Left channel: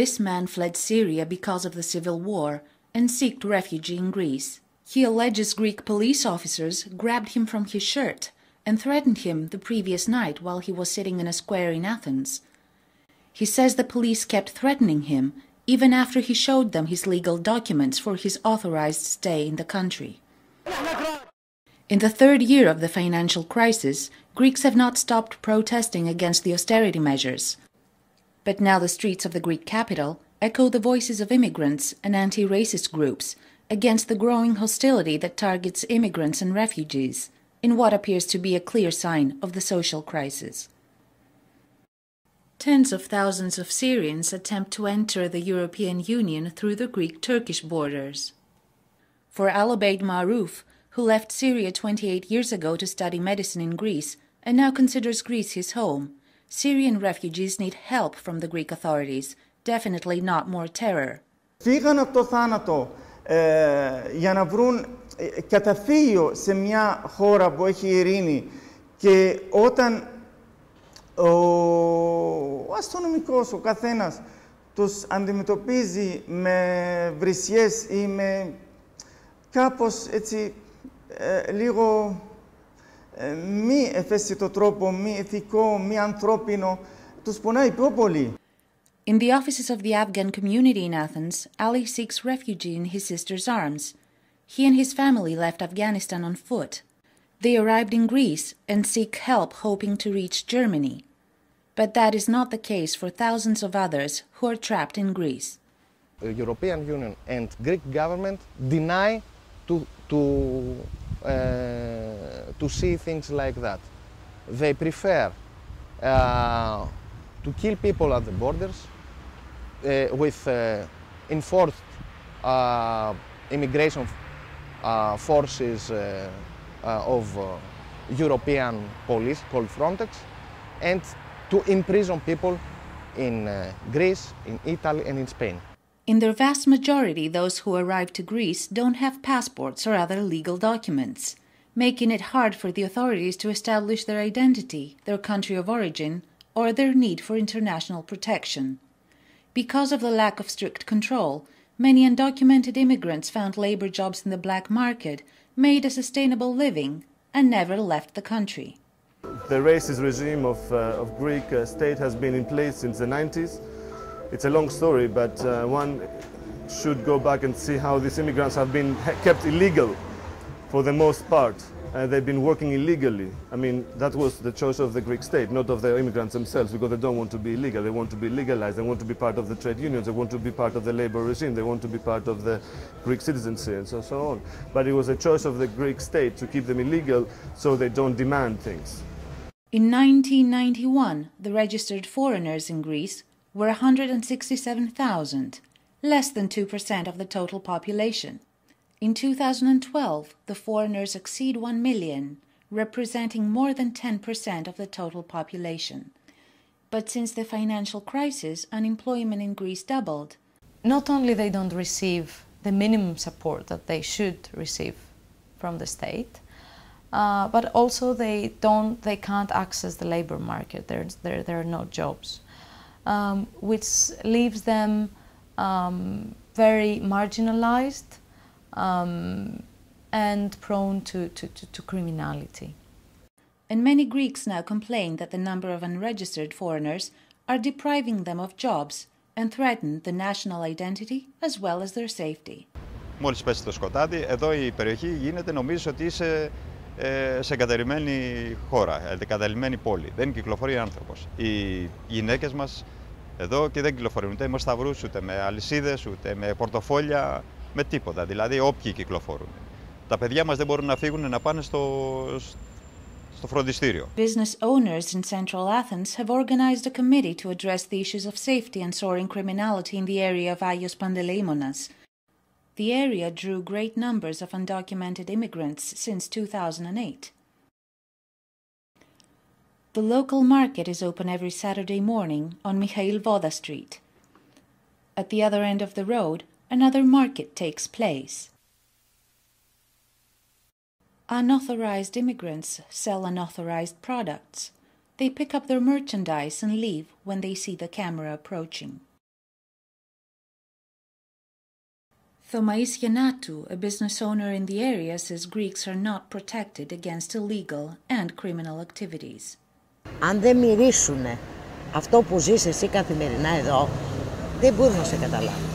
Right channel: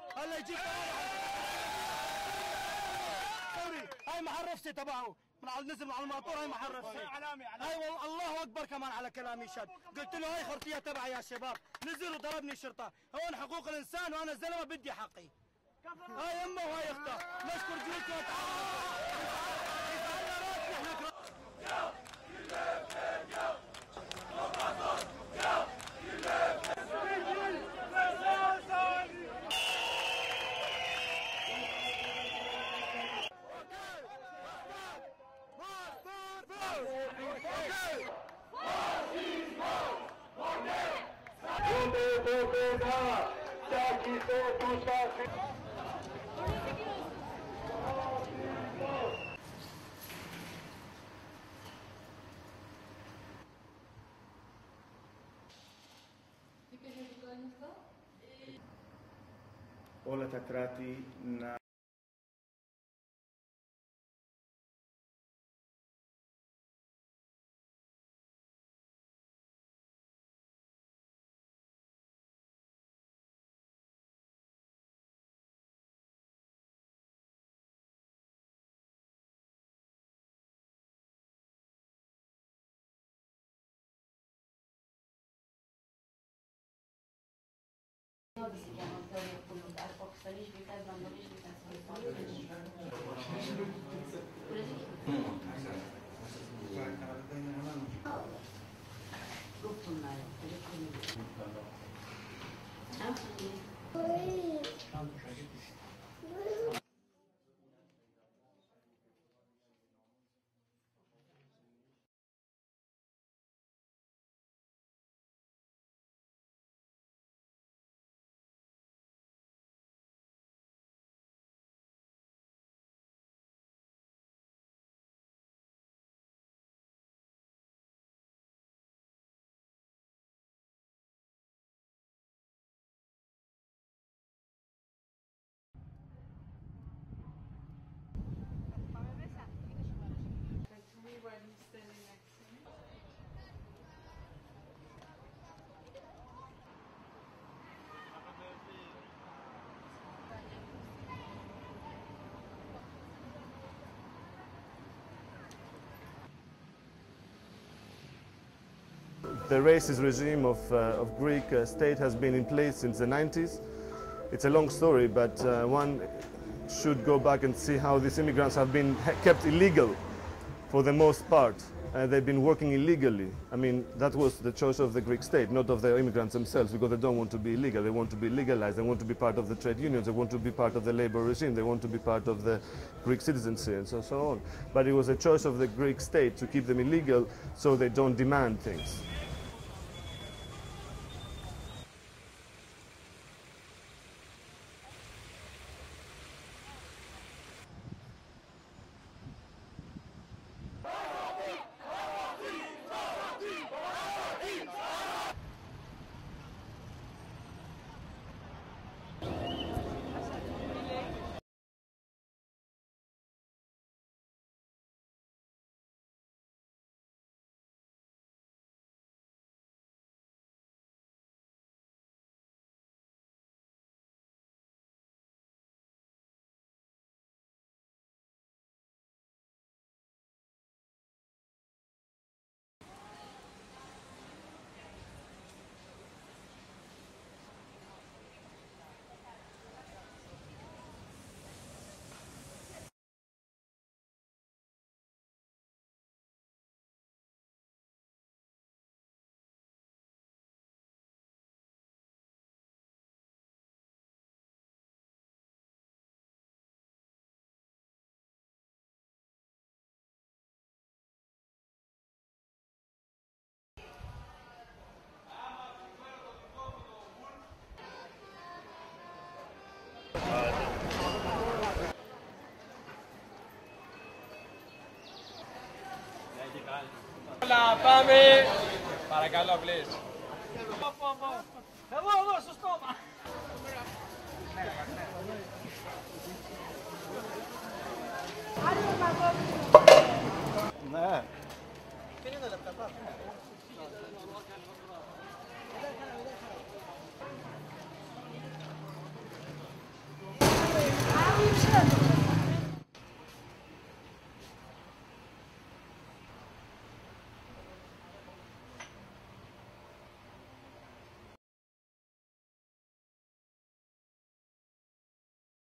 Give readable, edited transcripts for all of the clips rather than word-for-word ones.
This man fled Syria because of the civil war and sought refuge in Greece. He alleges Greek police officers grabbed him from his shirt and threatened him the previous night while he was sitting in a square in Athens. He says the police kept threatening him even after he showed them his legal documents for his authorized stay in the country. In the third year of the financial crisis, Greeks have not stopped protesting against the austerity measures. But now the streets of the Greek capital echo the voices of immigrants and anti-racist groups against the growing hostility that targets immigrants and refugees, in what appears to be a clear sign of the social crisis. Tens of thousands of Syrians attempt to enter the European Union through the Greek-Turkish borders. For Alobeid Maarouf, who left Syria 28 years ago to study medicine in Greece and now considers Greece his home, Syrian refugees need help from the Greek authorities, definitely not more terror. Φύγαν από το θάνατο για να βρουν καταφύγιο σε μια χώρα που έχει ειρήνη και όταν ο αστυνομικός, ο καθένας, τους αντιμετωπίζει με βρισιές ή με κάπως έτσι λίγο μη ευαίσθητο τρόπο, μη ηθικό, μη ανθρώπινο, τους πονάει πιο πολύ. In the offices of the Afgan community in Athens, Ali seeks refuge in his sister's arms. He and his family left Afghanistan on foot. They arrived in Greece and seek help hoping to reach Germany. But that is not the case for thousands of others who are trapped in Greece. The European Union and Greek government deny to see things like that. They prefer to kill people at the borders with enforced immigration forces of European police called Frontex, and to imprison people in Greece, in Italy and in Spain. In their vast majority, those who arrive to Greece don't have passports or other legal documents, making it hard for the authorities to establish their identity, their country of origin, or their need for international protection. Because of the lack of strict control, many undocumented immigrants found labor jobs in the black market, made a sustainable living, and never left the country. The racist regime of Greek state has been in place since the 90s. It's a long story, but one should go back and see how these immigrants have been kept illegal for the most part. They've been working illegally. I mean, that was the choice of the Greek state, not of the immigrants themselves, because they don't want to be illegal. They want to be legalized. They want to be part of the trade unions. They want to be part of the labor regime. They want to be part of the Greek citizenship and so on. But it was a choice of the Greek state to keep them illegal so they don't demand things. In 1991, the registered foreigners in Greece were 167,000, less than 2% of the total population. In 2012, the foreigners exceed 1 million, representing more than 10% of the total population. But since the financial crisis, unemployment in Greece doubled. Not only they don't receive the minimum support that they should receive from the state, but also they can't access the labor market. There are no jobs, which leaves them very marginalized and prone to criminality. And many Greeks now complain that the number of unregistered foreigners are depriving them of jobs and threaten the national identity as well as their safety. Μόλις πέσει το σκοτάδι, εδώ η περιοχή γίνεται, νομίζεις ότι είσαι σε εγκαταλειμμένη χώρα, εγκαταλειμμένη πόλη. Δεν κυκλοφορεί άνθρωπος. Οι γυναίκες μας εδώ και δεν κυκλοφορούν ούτε με σταυρούς, ούτε με αλυσίδες, ούτε με πορτοφόλια, με τίποτα. Δηλαδή όποιοι κυκλοφορούν. Τα παιδιά μας δεν μπορούν να φύγουν να πάνε στο φροντιστήριο. Business owners in central Athens have organized a committee to address the issues of safety and soaring criminality in the area of Agios Panteleimonas. The area drew great numbers of undocumented immigrants since 2008. The local market is open every Saturday morning on Mikhail Voda Street. At the other end of the road, another market takes place. Unauthorized immigrants sell unauthorized products. They pick up their merchandise and leave when they see the camera approaching. Thomaïs Giannatu, a business owner in the area, says Greeks are not protected against illegal and criminal activities. Αν δεν μυρίσουνε αυτό που ζεις εσύ καθημερινά εδώ, δεν μπορούν να σε καταλάβουν.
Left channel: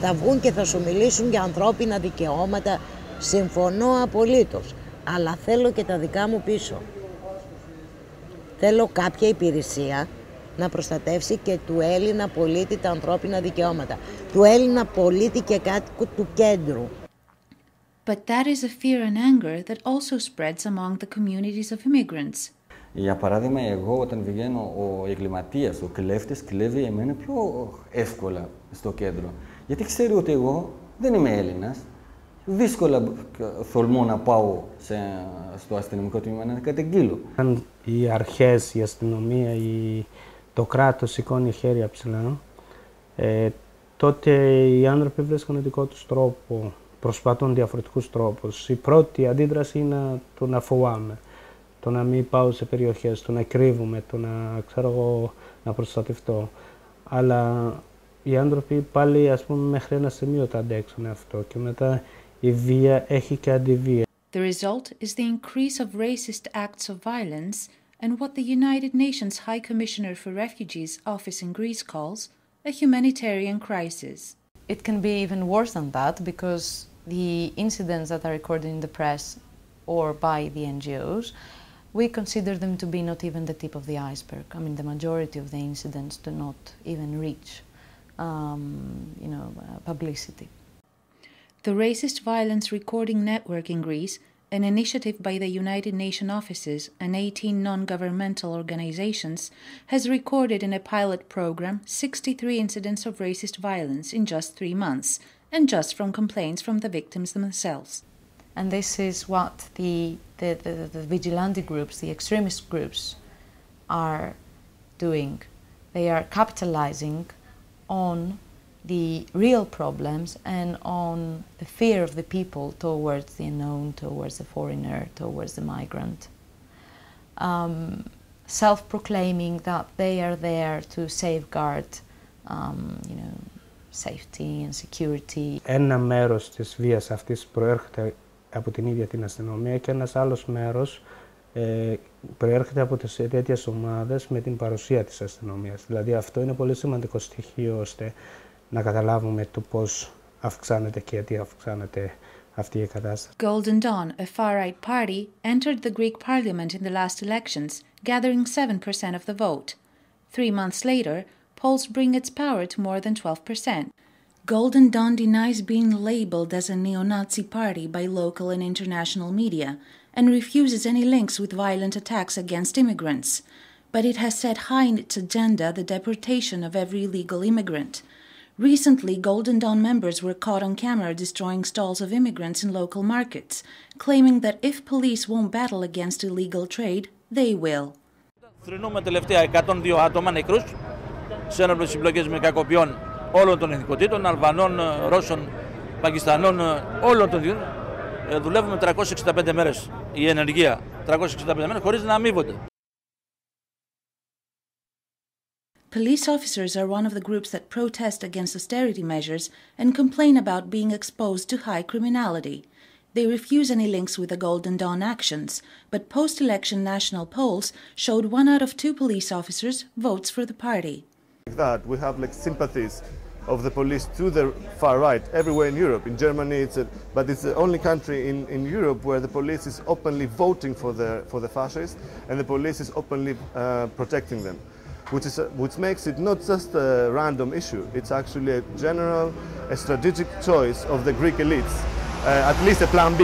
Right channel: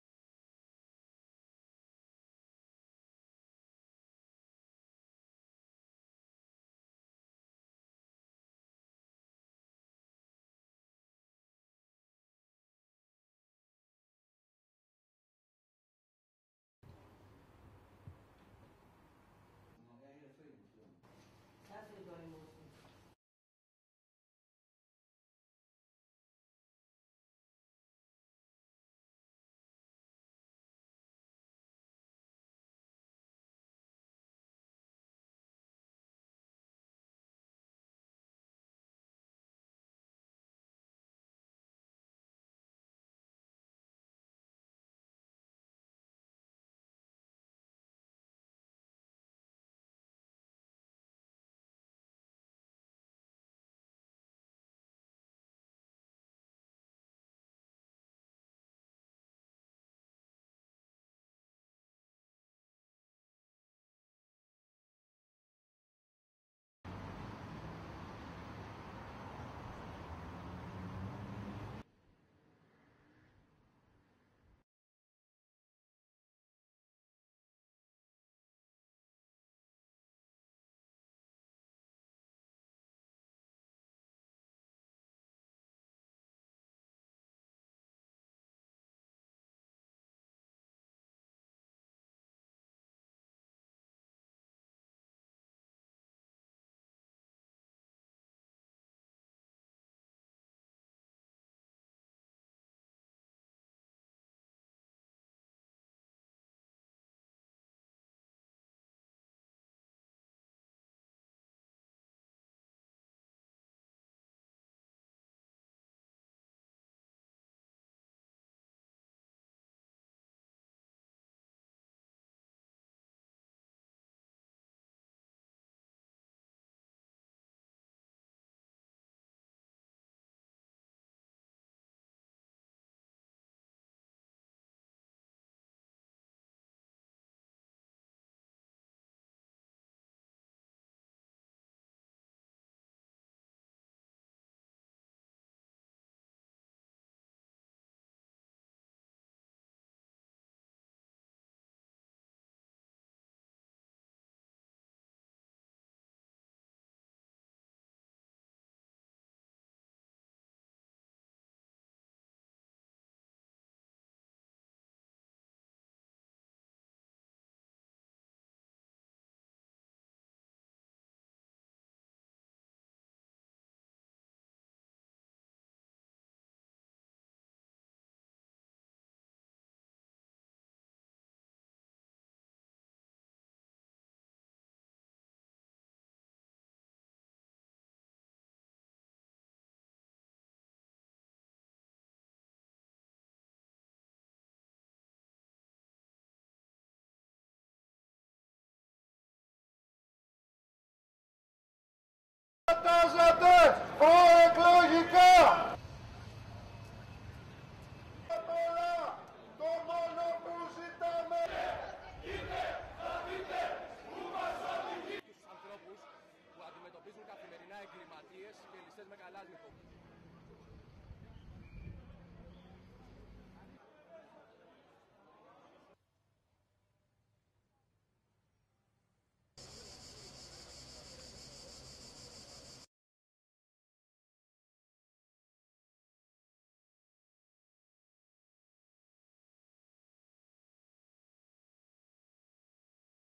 Θα βγουν και θα σου μιλήσουν για ανθρώπινα δικαιώματα, συμφωνώ απολύτως, αλλά θέλω και τα δικά μου πίσω. Θέλω κάποια υπηρεσία να προστατεύσει και του Έλληνα πολίτη τα ανθρώπινα δικαιώματα, του Έλληνα πολίτη και κάτοικου του κέντρου. But that is a fear and anger that also spreads among the communities of immigrants. Για παράδειγμα, εγώ όταν βγαίνω, ο εγκληματίας, ο κλέφτης, κλέβει εμένα πιο εύκολα στο κέντρο. Γιατί ξέρει ότι εγώ δεν είμαι Έλληνας. Δύσκολα θολμώ να πάω στο αστυνομικό τμήμα να καταγγείλω. Αν οι αρχές, η αστυνομία, το κράτος σηκώνει χέρια ψηλά, τότε οι άνθρωποι βρίσκουν δικό τους τρόπο, προσπαθούν διαφορετικούς τρόπους. Η πρώτη αντίδραση είναι το να φοβάμαι, το να μην πάω σε περιοχές, το να κρύβουμε, το να προστατευτώ. Αλλά οι άνθρωποι πάλι, ας πούμε, μέχρι ένα σημείο το αντέξουν αυτό και μετά η βία έχει και αντιβία. The result is the increase of racist acts of violence and what the United Nations High Commissioner for Refugees office in Greece calls a humanitarian crisis. It can be even worse than that because the incidents that are recorded in the press or by the NGOs, we consider them to be not even the tip of the iceberg. I mean, the majority of the incidents do not even reach publicity. The Racist Violence Recording Network in Greece, an initiative by the United Nations offices and 18 non-governmental organizations, has recorded in a pilot program 63 incidents of racist violence in just 3 months, and just from complaints from the victims themselves. And this is what the vigilante groups, the extremist groups, are doing. They are capitalizing on the real problems and on the fear of the people towards the unknown, towards the foreigner, towards the migrant. Self-proclaiming that they are there to safeguard, safety and security. Ένα μέρος της βίας αυτής προέρχεται από την ίδια την αστυνομία και ένας άλλος μέρος προέρχεται από τις τέτοιες ομάδες με την παρουσία της αστυνομίας. Δηλαδή αυτό είναι πολύ σημαντικό στοιχείο ώστε να καταλάβουμε το πώς αυξάνεται και γιατί αυξάνεται αυτή η κατάσταση. Golden Dawn, a far-right party, entered the Greek parliament in the last elections, gathering 7% of the vote. 3 months later, polls bring its power to more than 12%. Golden Dawn denies being labeled as a neo-Nazi party by local and international media and refuses any links with violent attacks against immigrants. But it has set high in its agenda the deportation of every illegal immigrant. Recently, Golden Dawn members were caught on camera destroying stalls of immigrants in local markets, claiming that if police won't battle against illegal trade, they will. Θρηνούμε τελευταία 102 άτομα νεκρούς σε ένοπλες συμπλοκές με κακοποιών όλων των εθνικοτήτων, Αλβανών, Ρώσων, Πακιστανών, όλων των δίων. Δουλεύουμε 365 μέρες η ενεργεία, 365 μέρες χωρίς να αμείβονται. Police officers are one of the groups that protest against austerity measures and complain about being exposed to high criminality. They refuse any links with the Golden Dawn actions, but post-election national polls showed 1 out of 2 police officers votes for the party. That we have sympathies of the police to the far right everywhere in Europe. In Germany, but it's the only country in Europe where the police is openly voting for the fascists and the police is openly protecting them. Which makes it not just a random issue, it's actually a general, a strategic choice of the Greek elites, at least a plan B.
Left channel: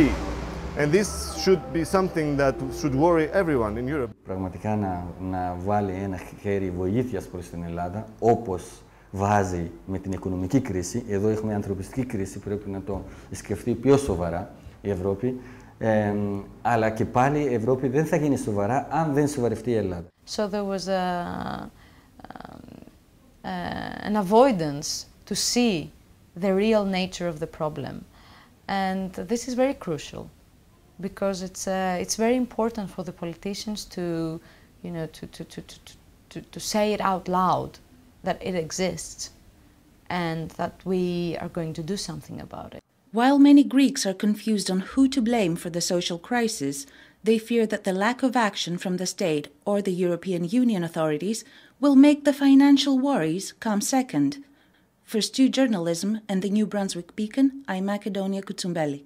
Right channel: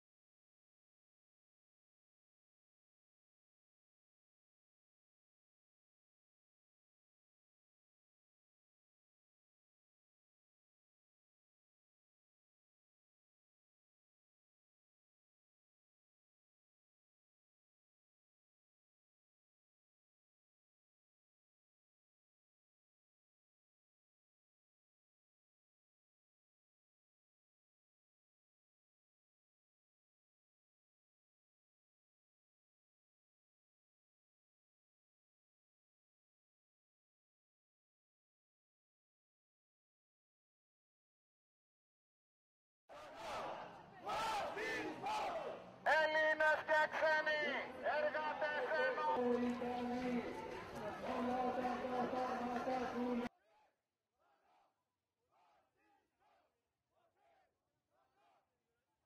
And this should be something that should worry everyone in Europe. Πραγματικά να βάλει ένα χέρι βοήθειας προς την Ελλάδα, όπως βάζει με την οικονομική κρίση. Εδώ έχουμε ανθρωπιστική κρίση, πρέπει να το σκεφτεί πιο σοβαρά η Ευρώπη. Αλλά και πάλι η Ευρώπη δεν θα γίνει σοβαρά αν δεν σοβαρευτεί η Ελλάδα. So there was an avoidance to see the real nature of the problem. And this is very crucial because it's very important for the politicians you know, to say it out loud that it exists and that we are going to do something about it. While many Greeks are confused on who to blame for the social crisis, they fear that the lack of action from the state or the European Union authorities will make the financial worries come second. For Stu Journalism and the New Brunswick Beacon, I'm Macedonia Kutsumbeli.